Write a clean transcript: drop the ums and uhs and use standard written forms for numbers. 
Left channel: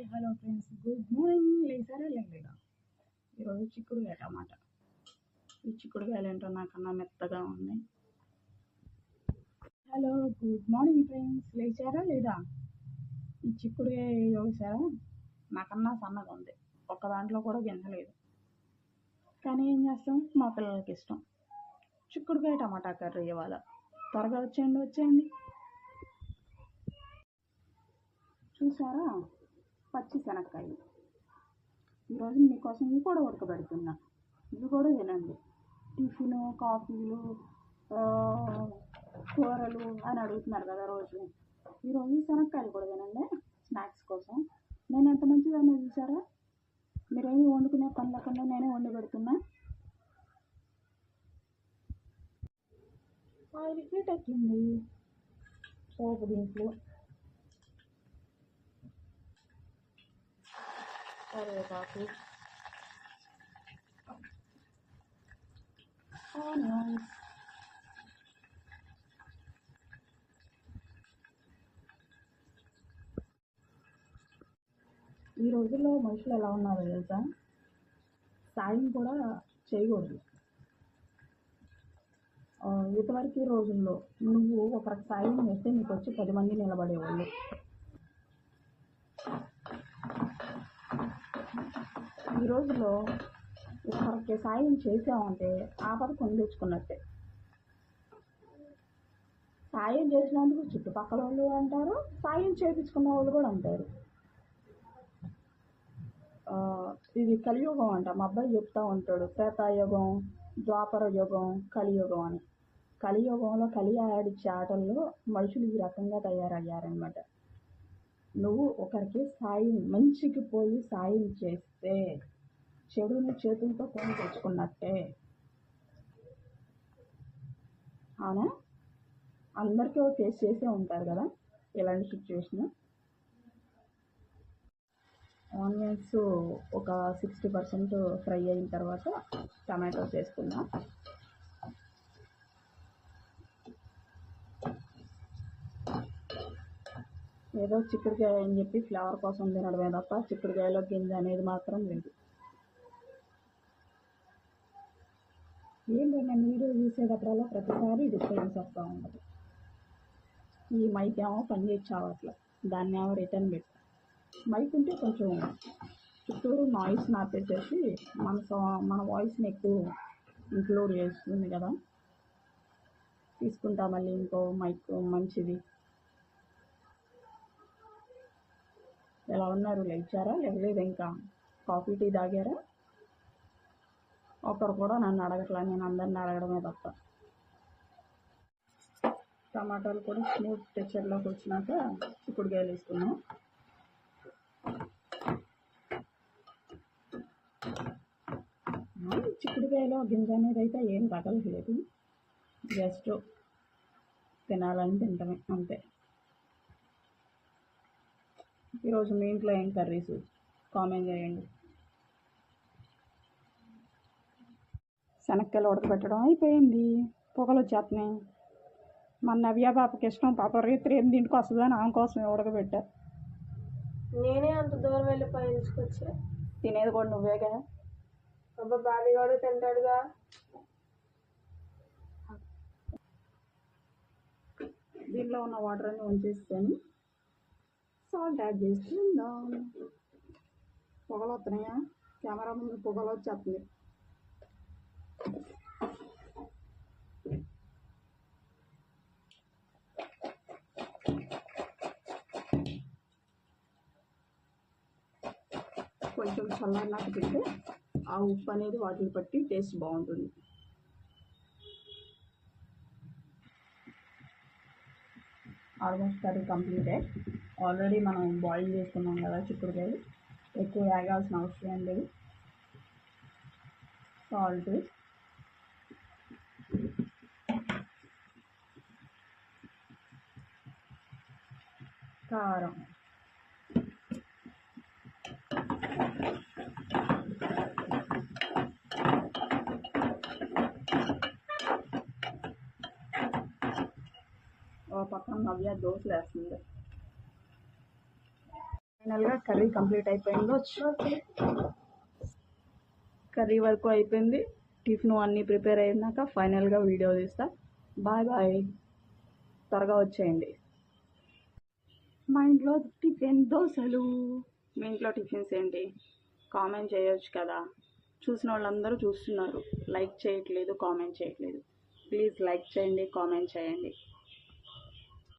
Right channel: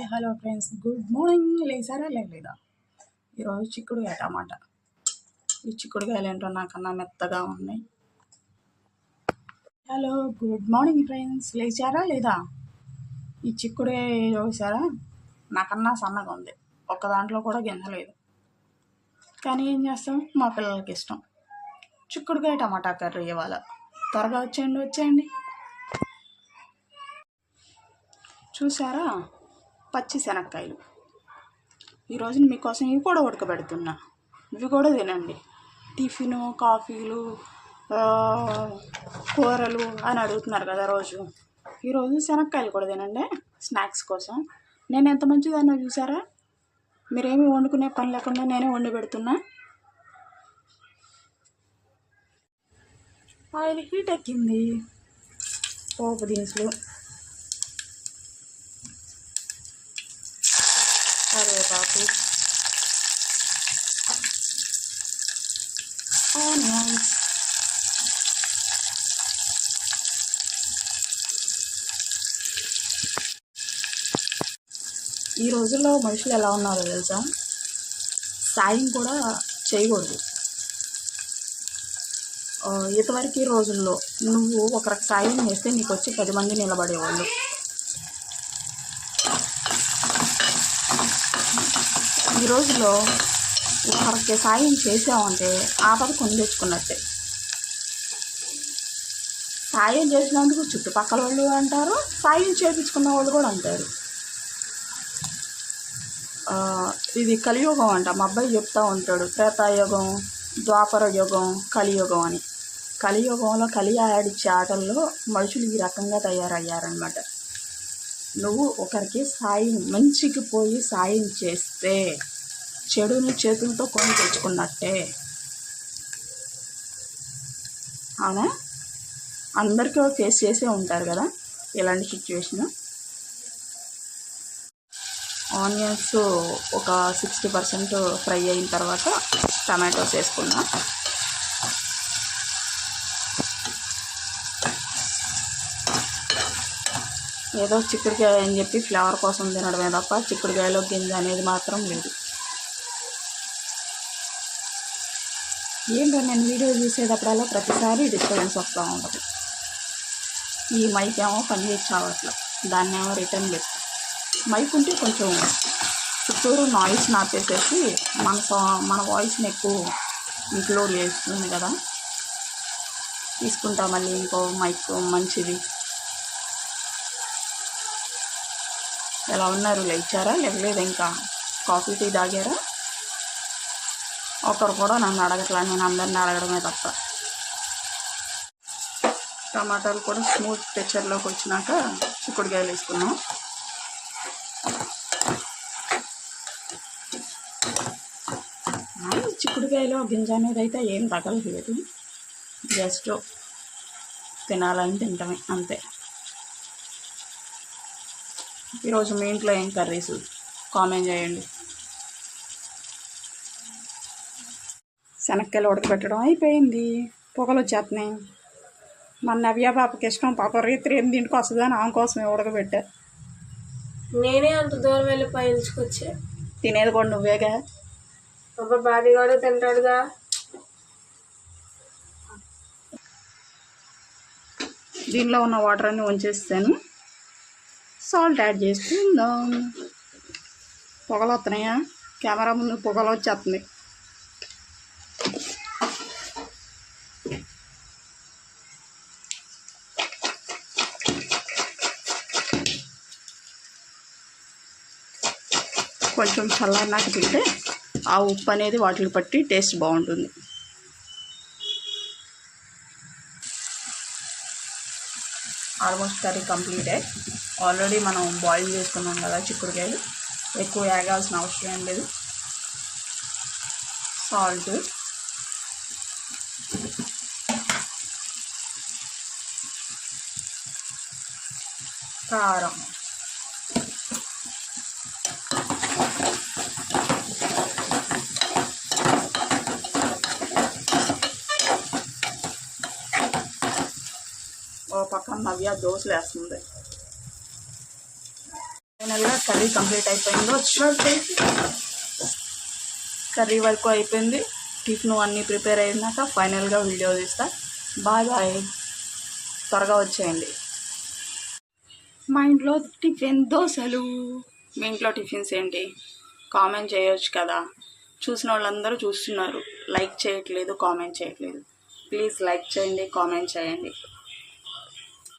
Hi hello friends, good morning. లేసారా లేదా? ఈరోజు చిక్కుడుకాయ టమాటా. ఈ చిక్కుడుకాయలు ఏంటో నాకన్నా మెత్తగా ఉన్నాయి. హలో గుడ్ మార్నింగ్ ఫ్రెండ్స్, లేచారా లేదా? ఈ చిక్కుడుకాయ చూసారా, నాకన్నా సన్నగా ఉంది. ఒక్క దాంట్లో కూడా గింజలేదు. కానీ ఏం చేస్తాం, మా పిల్లలకి ఇష్టం. చిక్కుడుకాయ టమాటా కర్రీ ఇవాళ. త్వరగా వచ్చేయండి. చూసారా, పచ్చి శనక్కాయలు. ఈరోజు మీకోసం ఇవి కూడా ఉడకబెడుతున్నా. ఇవి కూడా తినండి. టిఫిను, కాఫీలు, కూరలు అని అడుగుతున్నారు కదా రోజు. ఈరోజు శనక్కాయలు కూడా తినండి స్నాక్స్ కోసం. నేను ఎంత మంచిదన్నా చూసారా, మీరేమి వండుకునే పని లేకుండా నేనే వండి పెడుతున్నా. ఆయిల్ హీట్ ఎక్కింది. పోపు దినుసులు, కరివేపాకు, ఆనియన్స్, ఈ రోజుల్లో మనుషులు ఎలా ఉన్నారో తెలుసా, సాయం కూడా చేయకూడదు. ఇంతవరకు రోజుల్లో నువ్వు ఒకరికి సాయం చేస్తే నీకు వచ్చి 10 మంది నిలబడేవాళ్ళు. ఈ రోజుల్లో ఒకరికి సాయం చేసామంటే ఆపద కొని తెచ్చుకున్నట్టే. సాయం చేసినందుకు చుట్టుపక్కల వాళ్ళు అంటారు, సాయం చేయించుకున్న వాళ్ళు కూడా అంటారు. ఇది కలియుగం అంట. మా అబ్బాయి చెప్తూ ఉంటాడు, త్రేతాయుగం, ద్వాపర యుగం, కలియుగం అని. కలియుగంలో కలి ఆడిచ్చే ఆటల్లో మనుషులు ఈ రకంగా తయారయ్యారనమాట. నువ్వు ఒకరికి సాయం, మంచికి పోయి సాయం చేస్తే చెడుని చేతులతో కొని తెచ్చుకున్నట్టే. అవునా? అందరికీ ఫేస్ చేసే ఉంటారు కదా ఇలాంటి సిచ్యువేషన్. ఆనియన్స్ ఒక 60% ఫ్రై అయిన తర్వాత టమాటోస్ వేసుకున్నా. ఏదో చిక్కుడుకాయ అని చెప్పి ఫ్లేవర్ కోసం తినడమే తప్ప చిక్కుడుకాయలో గింజ అనేది మాత్రం లేదు. ఏంటో నేను వీడియో చూసేటప్పుడల్లా ప్రతిసారి డిస్టర్బెన్స్ వస్తూ ఉంటుంది. ఈ మైక్ ఏమో పని చేసి చావట్లేదు, దాన్ని ఏమో రిటర్న్ చేస్తాం. మైక్ ఉంటే కొంచెం చుట్టూరు నాయిస్ నాపేసేసి మన వాయిస్ని ఎక్కువ ఇంక్లూడ్ చేస్తుంది కదా. తీసుకుంటా మళ్ళీ ఇంకో మైక్ మంచిది. ఎలా ఉన్నారు? లేచారా? లేవలేదు ఇంకా? కాఫీ టీ తాగారా? ఒకరు కూడా నన్ను అడగట్లా, నేను అందరిని అడగడమే తప్ప. టమాటాలు కూడా స్మూత్ టెక్చర్లోకి వచ్చినాక చిక్కుడుకాయలు వేసుకున్నాం. చిక్కుడుకాయలో గింజ అనేది అయితే ఏం తగలలేదు, జస్ట్ తినాలని తింటామే అంతే. ఈరోజు మీ ఇంట్లో ఏం కర్రీస్ కామెంట్ చేయండి. శనక్కాయలు ఉడకబెట్టడం అయిపోయింది, పొగలు వచ్చేస్తున్నాయి. మన నవ్య పాపకి ఇష్టం, పాప రేత్రి 8ంటికి వస్తుందని ఆమె కోసమే ఉడకబెట్టా. నేనే అంత దూరం వెళ్ళి పైల్చుకొచ్చా. తినేది కూడా నువ్వేగా. పాప బాడీ కూడా తింటాడుగా. దీనిలో ఉన్న వాటర్ అన్ని వంచేస్తాను, సాల్ట్ యాడ్ చేసుకుందాం. పొగలు వస్తున్నాయా? కెమెరా ముందు పొగలు వచ్చేస్తుంది. కొంచెం చల్లారినాక తింటే ఆ ఉప్పు అనేది వాటికి పట్టి టేస్ట్ బాగుంటుంది. ఆల్మోస్ట్ కర్రీ కంప్లీటే. ఆల్రెడీ మనం బాయిల్ చేసుకున్నాం కదా చిక్కుడుకాయలు, ఎక్కువ వేగాల్సిన అవసరం ఏం లేదు. సాల్ట్, కారం, ఓ పక్కన నవ్య దోశలు వేస్తుంది. ఫైనల్గా కర్రీ కంప్లీట్ అయిపోయిందో, కర్రీ వరకు అయిపోయింది. టిఫిన్ అన్నీ ప్రిపేర్ అయినాక ఫైనల్గా వీడియో తీస్తా. బాయ్ బాయ్, త్వరగా వచ్చేయండి. మా ఇంట్లో టిఫిన్ దోశలు. మీ ఇంట్లో టిఫిన్స్ ఏంటి కామెంట్ చేయొచ్చు కదా. చూసిన వాళ్ళందరూ చూస్తున్నారు, లైక్ చేయట్లేదు, కామెంట్ చేయట్లేదు. ప్లీజ్ లైక్ చేయండి, కామెంట్ చేయండి.